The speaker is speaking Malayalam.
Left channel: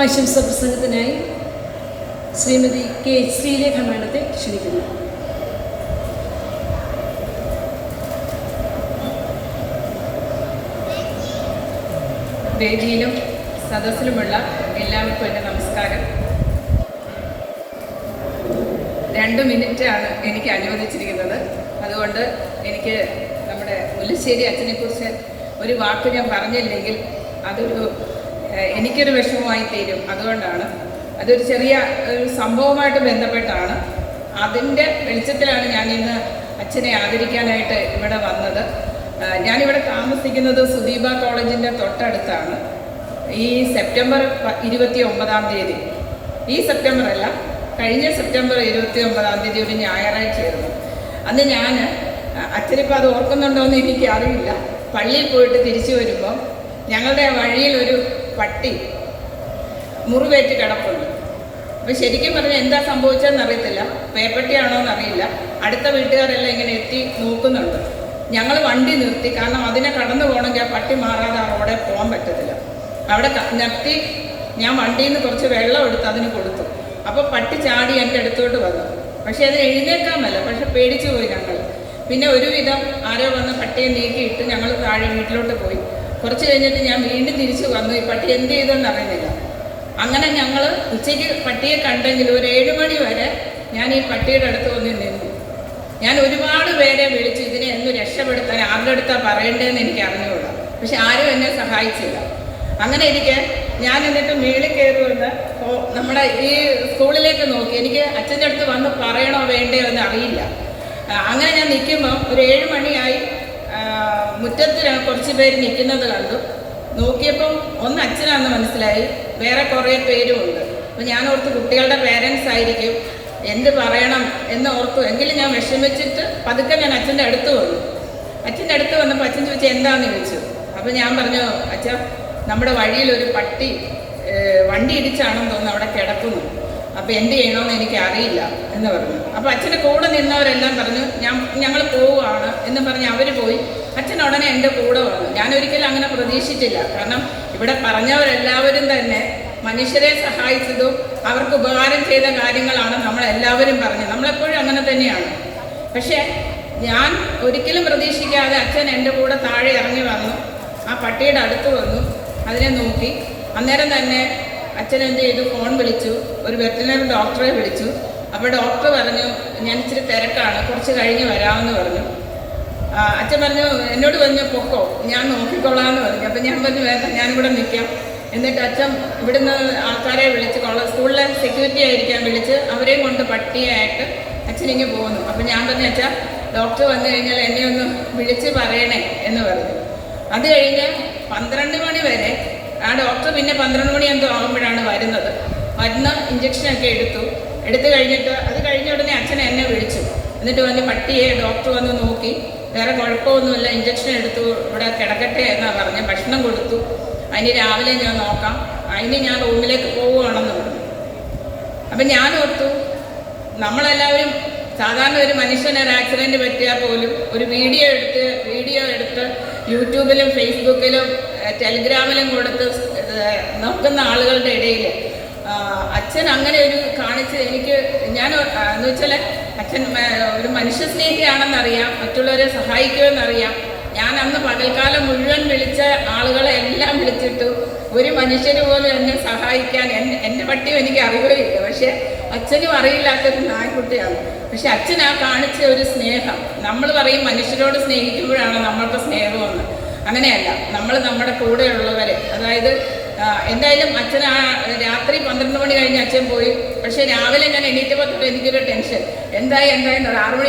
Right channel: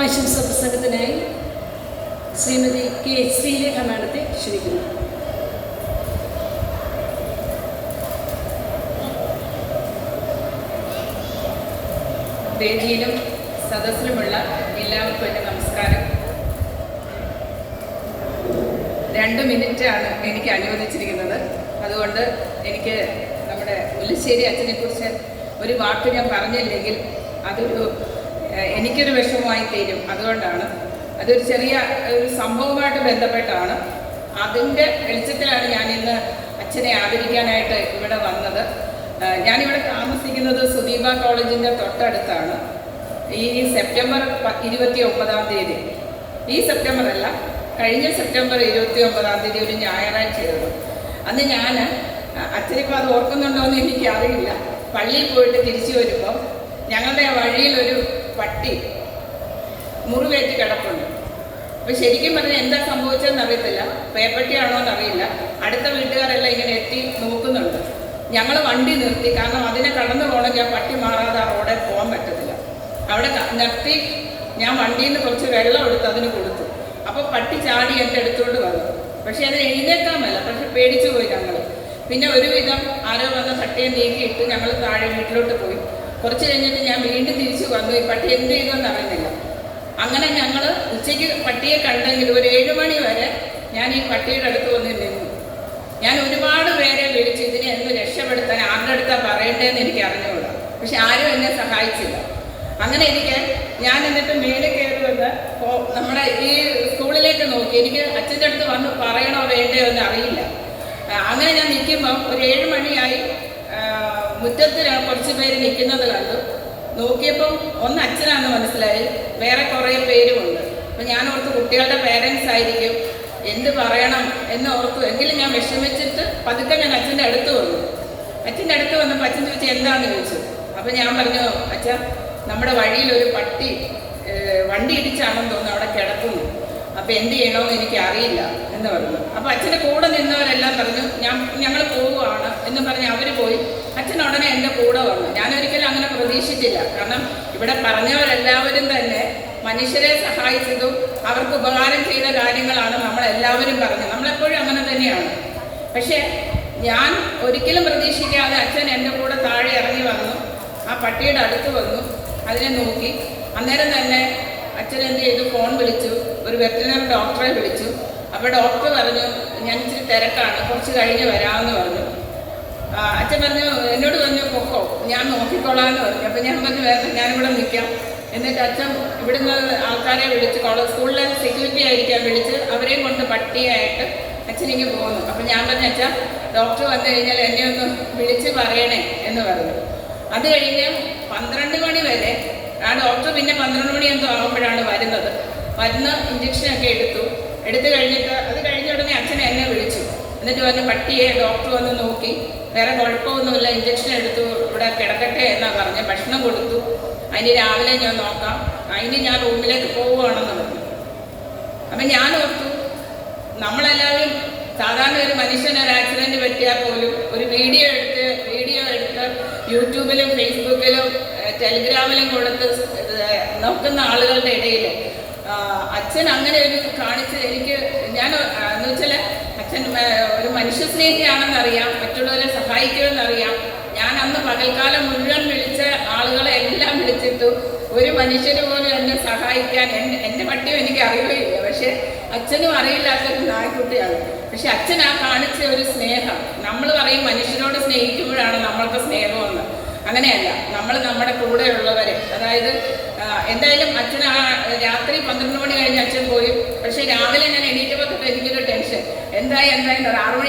ആശംസ പ്രസംഗത്തിനായി ശ്രീമതി കെ ശ്രീലേഖ മാഡത്തെ ക്ഷണിക്കുന്നു. വേദിയിലും സദസ്സിലുമുള്ള എല്ലാവർക്കും എൻ്റെ നമസ്കാരം. 2 മിനിറ്റാണ് എനിക്ക് അനുവദിച്ചിരിക്കുന്നത്. അതുകൊണ്ട് എനിക്ക് നമ്മുടെ മുല്ലശ്ശേരി അച്ഛനെക്കുറിച്ച് ഒരു വാക്ക് ഞാൻ പറഞ്ഞില്ലെങ്കിൽ എനിക്കൊരു വിഷമമായി തീരും. അതുകൊണ്ടാണ് അതൊരു ചെറിയ ഒരു സംഭവമായിട്ട് ബന്ധപ്പെട്ടാണ്. അതിൻ്റെ വെളിച്ചത്തിലാണ് ഞാൻ ഇന്ന് അച്ഛനെ ആദരിക്കാനായിട്ട് ഇവിടെ വന്നത്. ഞാനിവിടെ താമസിക്കുന്നത് സുദീപ കോളേജിൻ്റെ തൊട്ടടുത്താണ്. ഈ സെപ്റ്റംബർ 29-ാം തീയതി, ഈ സെപ്റ്റംബർ അല്ല, കഴിഞ്ഞ സെപ്റ്റംബർ 29-ാം തീയതി ഒരു ഞായറാഴ്ചയായിരുന്നു. അന്ന് ഞാൻ അച്ഛനിപ്പോൾ അത് ഓർക്കുന്നുണ്ടോ എന്ന് എനിക്കറിയില്ല. പള്ളിയിൽ പോയിട്ട് തിരിച്ചു വരുമ്പോൾ ഞങ്ങളുടെ വഴിയിലൊരു പട്ടി മുറിവേറ്റ് കിടപ്പുണ്ട്. അപ്പോൾ ശരിക്കും പറഞ്ഞാൽ എന്താ സംഭവിച്ചതെന്ന് അറിയത്തില്ല. പേപ്പട്ടിയാണോ എന്നറിയില്ല. അടുത്ത വീട്ടുകാരെല്ലാം ഇങ്ങനെ എത്തി നോക്കുന്നുണ്ട്. ഞങ്ങൾ വണ്ടി നിർത്തി. കാരണം അതിനെ കടന്നു പോകണമെങ്കിൽ ആ പട്ടി മാറാതെ ആ റോഡിൽ പോകാൻ പറ്റത്തില്ല. അവിടെ നിർത്തി ഞാൻ വണ്ടിയിൽ നിന്ന് കുറച്ച് വെള്ളം എടുത്ത് അതിന് കൊടുത്തു. അപ്പോൾ പട്ടി ചാടി എൻ്റെ അടുത്തോട്ട് വന്നു. പക്ഷേ അത് എഴുന്നേക്കാൻ മേല. പക്ഷെ പേടിച്ചു പോയി ഞങ്ങൾ. പിന്നെ ഒരുവിധം ആരോ വന്ന് പട്ടിയെ നീക്കിയിട്ട് ഞങ്ങൾ താഴെ വീട്ടിലോട്ട് പോയി. കുറച്ച് കഴിഞ്ഞിട്ട് ഞാൻ വീണ്ടും തിരിച്ചു വന്നു. ഈ പട്ടി എന്ത് ചെയ്തെന്ന് അറിയുന്നില്ല. അങ്ങനെ ഞങ്ങൾ ഉച്ചയ്ക്ക് പട്ടിയെ കണ്ടെങ്കിൽ ഒരു 7 മണി വരെ ഞാൻ ഈ പട്ടിയുടെ അടുത്ത് വന്ന് നിന്നു. ഞാൻ ഒരുപാട് പേരെ വിളിച്ചു ഇതിനെ എന്ന് രക്ഷപ്പെടുത്താൻ. ആരുടെ അടുത്താണ് പറയേണ്ടതെന്ന് എനിക്ക് അറിഞ്ഞുള്ളൂ. പക്ഷെ ആരും എന്നെ സഹായിച്ചില്ല. അങ്ങനെ ഞാൻ എന്നിട്ട് മേളിൽ കയറി വന്ന് നമ്മുടെ ഈ സ്കൂളിലേക്ക് നോക്കി. എനിക്ക് അച്ഛൻ്റെ അടുത്ത് വന്ന് പറയണോ വേണ്ടയോ എന്ന് അറിയില്ല. അങ്ങനെ ഞാൻ നിൽക്കുമ്പോൾ ഒരു 7 മണിയായി. മുറ്റത്ത് കുറച്ച് പേര് നിൽക്കുന്നത് കണ്ടു. നോക്കിയപ്പം ഒന്ന് അച്ഛനാണെന്ന് മനസ്സിലായി. വേറെ കുറേ പേരും ഉണ്ട്. അപ്പം ഞാൻ ഓർത്തു കുട്ടികളുടെ പേരൻസ് ആയിരിക്കും, എന്ത് പറയണം എന്ന് ഓർത്തു. എങ്കിലും ഞാൻ വിഷമിച്ചിട്ട് പതുക്കെ ഞാൻ അച്ഛൻ്റെ അടുത്ത് വന്നു. അച്ഛൻ്റെ അടുത്ത് വന്നപ്പോൾ അച്ഛൻ ചോദിച്ചാൽ എന്താണെന്ന് ചോദിച്ചു. അപ്പം ഞാൻ പറഞ്ഞു, അച്ഛ, നമ്മുടെ വഴിയിലൊരു പട്ടി വണ്ടി ഇടിച്ചാണെന്ന് തോന്നുന്നു അവിടെ കിടക്കുന്നു. അപ്പോൾ എന്ത് ചെയ്യണമെന്ന് എനിക്ക് അറിയില്ല എന്ന് പറഞ്ഞു. അപ്പോൾ അച്ഛൻ്റെ കൂടെ നിന്നവരെല്ലാം പറഞ്ഞു ഞങ്ങൾ പോവുകയാണ് എന്ന് പറഞ്ഞ് അവർ പോയി. അച്ഛൻ ഉടനെ എൻ്റെ കൂടെ വന്നു. ഞാനൊരിക്കലും അങ്ങനെ പ്രതീക്ഷിച്ചില്ല. കാരണം ഇവിടെ പറഞ്ഞവരെല്ലാവരും തന്നെ മനുഷ്യരെ സഹായിച്ചതും അവർക്ക് ഉപകാരം ചെയ്ത കാര്യങ്ങളാണ് നമ്മളെല്ലാവരും പറഞ്ഞത്. നമ്മളെപ്പോഴും അങ്ങനെ തന്നെയാണ്. പക്ഷേ ഞാൻ ഒരിക്കലും പ്രതീക്ഷിക്കാതെ അച്ഛൻ എൻ്റെ കൂടെ താഴെ ഇറങ്ങി വന്നു. ആ പട്ടിയുടെ അടുത്ത് വന്നു, അതിനെ നോക്കി. അന്നേരം തന്നെ അച്ഛൻ എന്ത് ചെയ്തു, ഫോൺ വിളിച്ചു, ഒരു വെറ്ററിനറി ഡോക്ടറെ വിളിച്ചു. അപ്പോൾ ഡോക്ടർ പറഞ്ഞു ഞാൻ ഇച്ചിരി തിരക്കാണ്, കുറച്ച് കഴിഞ്ഞ് വരാമെന്ന് പറഞ്ഞു. അച്ഛൻ പറഞ്ഞു എന്നോട് പറഞ്ഞു പൊക്കോ, ഞാൻ നോക്കിക്കോളാമെന്ന് പറഞ്ഞു. അപ്പം ഞാൻ പറഞ്ഞു വേണ്ട, ഞാനിവിടെ നിൽക്കാം. എന്നിട്ട് അച്ഛൻ ഇവിടുന്ന് ആൾക്കാരെ വിളിച്ച് സ്കൂളിലെ സെക്യൂരിറ്റി ആയിരിക്കാൻ വിളിച്ച് അവരെയും കൊണ്ട് പട്ടിയായിട്ട് അച്ഛനിങ്ങ് പോകുന്നു. അപ്പം ഞാൻ പറഞ്ഞു അച്ഛാ, ഡോക്ടർ വന്നു കഴിഞ്ഞാൽ എന്നെ ഒന്ന് വിളിച്ച് പറയണേ എന്ന് പറഞ്ഞു. അത് കഴിഞ്ഞ് 12 മണി വരെ ആ ഡോക്ടർ പിന്നെ 12 മണി എന്തോ ആകുമ്പോഴാണ് വരുന്നത്. മരുന്ന് ഇഞ്ചക്ഷനൊക്കെ എടുത്തു കഴിഞ്ഞിട്ട് അത് കഴിഞ്ഞ ഉടനെ അച്ഛൻ എന്നെ വിളിച്ചു. എന്നിട്ട് പറഞ്ഞ് പട്ടിയെ ഡോക്ടർ വന്ന് നോക്കി, വേറെ കുഴപ്പമൊന്നുമില്ല, ഇഞ്ചക്ഷൻ എടുത്തു, ഇവിടെ കിടക്കട്ടെ എന്നാണ് പറഞ്ഞ്. ഭക്ഷണം കൊടുത്തു. അതിന് രാവിലെ ഞാൻ നോക്കാം, അതിന് ഞാൻ റൂമിലേക്ക് പോവുകയാണെന്ന് പറഞ്ഞു. അപ്പം ഞാൻ ഓർത്തു, നമ്മളെല്ലാവരും സാധാരണ ഒരു മനുഷ്യനൊരു ആക്സിഡൻറ്റ് പറ്റിയാൽ പോലും ഒരു വീഡിയോ എടുത്ത് യൂട്യൂബിലും ഫേസ്ബുക്കിലും ടെലിഗ്രാമിലും കൊടുത്ത് നോക്കുന്ന ആളുകളുടെ ഇടയിൽ അച്ഛൻ അങ്ങനെ ഒരു കാണിച്ച് എനിക്ക് എന്ന് വെച്ചാൽ അച്ഛൻ ഒരു മനുഷ്യസ്നേഹിയാണെന്നറിയാം, മറ്റുള്ളവരെ സഹായിക്കുമെന്നറിയാം. ഞാൻ അന്ന് പകൽക്കാലം മുഴുവൻ വിളിച്ച ആളുകളെ എല്ലാം വിളിച്ചിട്ടു ഒരു മനുഷ്യന് പോലും എന്നെ സഹായിക്കാൻ എൻ്റെ പട്ടിയും എനിക്ക് അറിയുകയില്ല. പക്ഷേ അച്ഛനും അറിയില്ലാത്തൊരു നായ്ക്കുട്ടിയാണ്. പക്ഷെ അച്ഛൻ ആ കാണിച്ച ഒരു സ്നേഹം, നമ്മൾ പറയും മനുഷ്യരോട് സ്നേഹിക്കുമ്പോഴാണ് നമ്മൾക്ക് സ്നേഹമെന്ന്. അങ്ങനെയല്ല, നമ്മൾ നമ്മുടെ കൂടെയുള്ളവരെ, അതായത് എന്തായാലും അച്ഛൻ രാത്രി 12 മണി കഴിഞ്ഞ് അച്ഛൻ പോയി. പക്ഷേ രാവിലെ ഞാൻ എണീറ്റപ്പോൾ തൊട്ട് എനിക്കൊരു ടെൻഷൻ, എന്തായി 6 മണി